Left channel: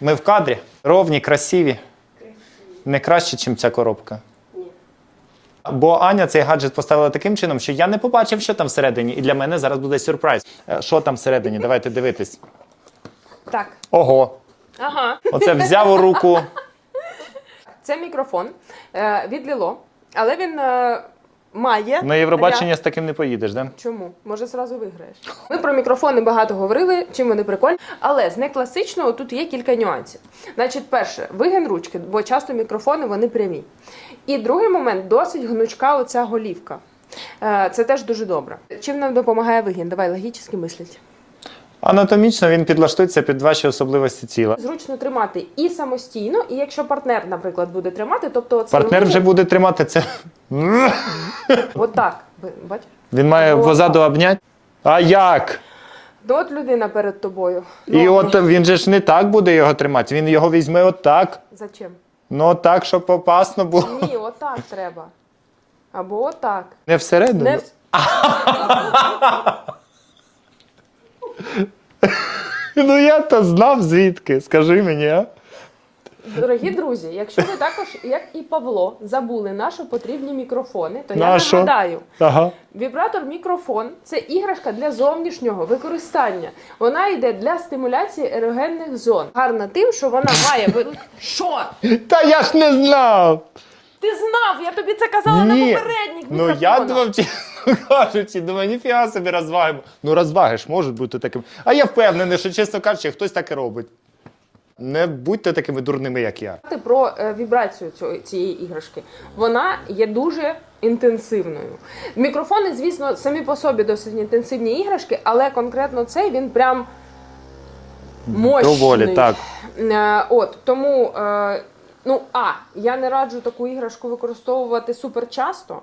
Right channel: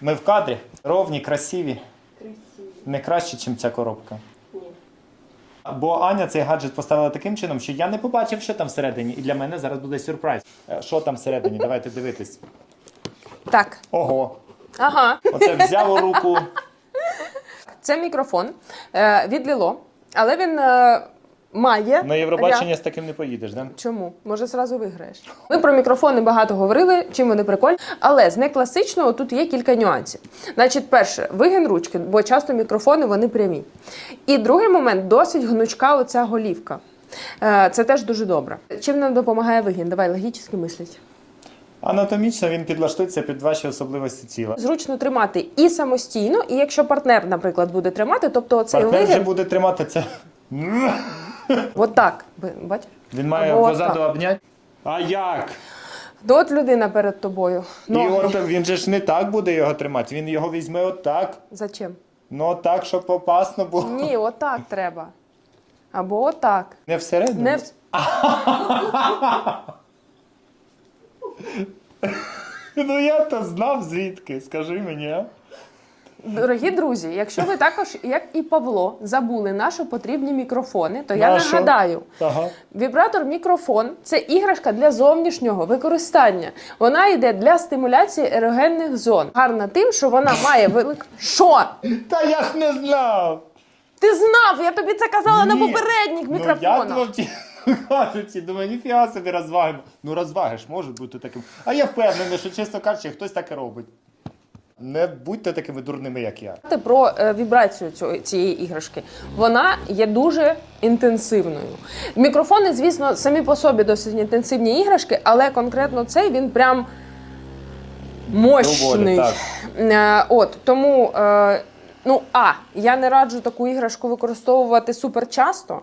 Ми в кадрі. Ровні, красиві. Не краще, ніж ця коробка. Бо Аня цей гаджет поставила таким чином, що я не побачив, що там всередині, і для мене зараз буде сюрприз. Е, Що там всередині? Давайте дивитись. Так. Ого! Ага. Оце взяв у руку. Це мікрофон е, від Ліло, але він е, має. На Євробачення з таким не поїдеш, да? Чому? Може, зразу виграєш. Ми про мікрофони багато говорили, чим вони прикольні. Але з некласичного тут є кілька нюансів. Значить, перше, вигин ручки, бо часто мікрофони вони прямі. І другий момент досить гнучка оця голівка. Е, Це теж дуже добре. Чим нам допомагає вигін? Давай логічно мисліть. Анатомічно він підлаштується під ваші особливості тіла. Зручно тримати і самостійно, і якщо партнер, наприклад, буде тримати, тобто цей Партнер вже буде тримати це. отак. Ви- Бач? Він має Або позаду обняти. А як? Ну, от людина перед тобою. І от він же ж не так буде його тримати. Він його візьме отак. Зачем? Ну отак, щоб опасно було. Ні, отак треба. Або отак. Не всередину. Не в- Ну я то знав звідки. Скажи мені, а? Дорогі друзі, якщо ви також, як і Павло, забули на що потрібні мікрофони, то я На що? нагадаю. Ага. Вібратор мікрофон це іграшка для зовнішнього використання. Вона йде для стимуляції ерогенних зон. Гарна тим, що вона має велик. Що? Та я ж не знав. Ти знав? Я тобі це казала на Ні. попередніх Ну мікрофонах. я думав, чесно кажучи, думаю, ніфіга собі розваги. Ну розваги ж можуть бути таким. А я впевнений, що чесно кажучи, хтось так і робить. Не будьте такими дурними, як я. Про е, вібрацію цієї іграшки. Вона є дуже інтенсивною. Мікрофони, звісно, самі по собі досить інтенсивні іграшки, але конкретно цей він прям мощний. Доволі, так. Е, От тому. Ну, а, я не раджу таку іграшку використовувати супер часто.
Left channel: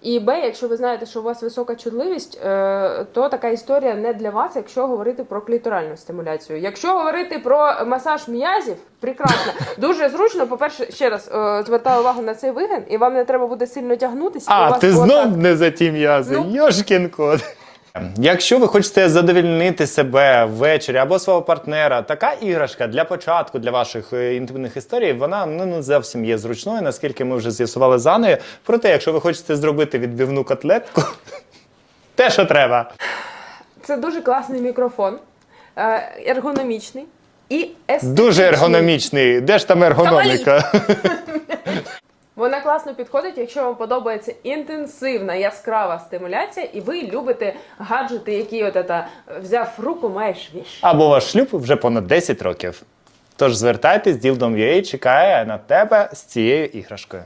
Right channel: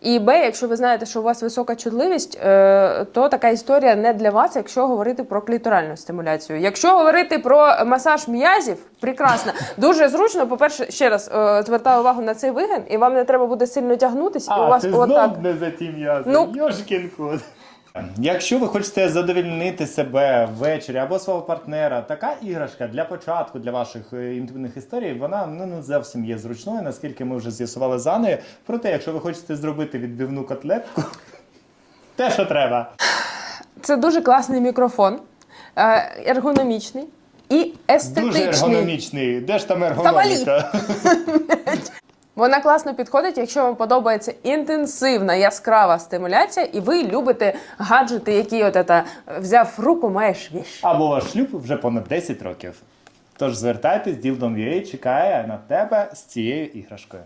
І Б, якщо ви знаєте, що у вас висока чутливість, е, то така історія не для вас, якщо говорити про кліторальну стимуляцію. Якщо говорити про масаж м'язів, прекрасно, дуже зручно. По-перше, ще раз е, звертаю увагу на цей вигин, і вам не треба буде сильно тягнутися. і у вас ти отак. знов не за ті м'язи. Ну. Йошкін кот. Якщо ви хочете задовольнити себе ввечері або свого партнера, така іграшка для початку для ваших е, інтимних історій, вона ну, не зовсім є зручною, наскільки ми вже з'ясували за нею. Проте, якщо ви хочете зробити відбивну котлетку, те, що треба. Це дуже класний мікрофон, е, ергономічний і естетичний. Дуже ергономічний. Де ж там ергономіка? Вона класно підходить, якщо вам подобається інтенсивна яскрава стимуляція, і ви любите гаджети, які от це, взяв руку, маєш віш. Або ваш шлюб вже понад 10 років. Тож звертайтесь, Ділдом.ua чекає на тебе з цією іграшкою.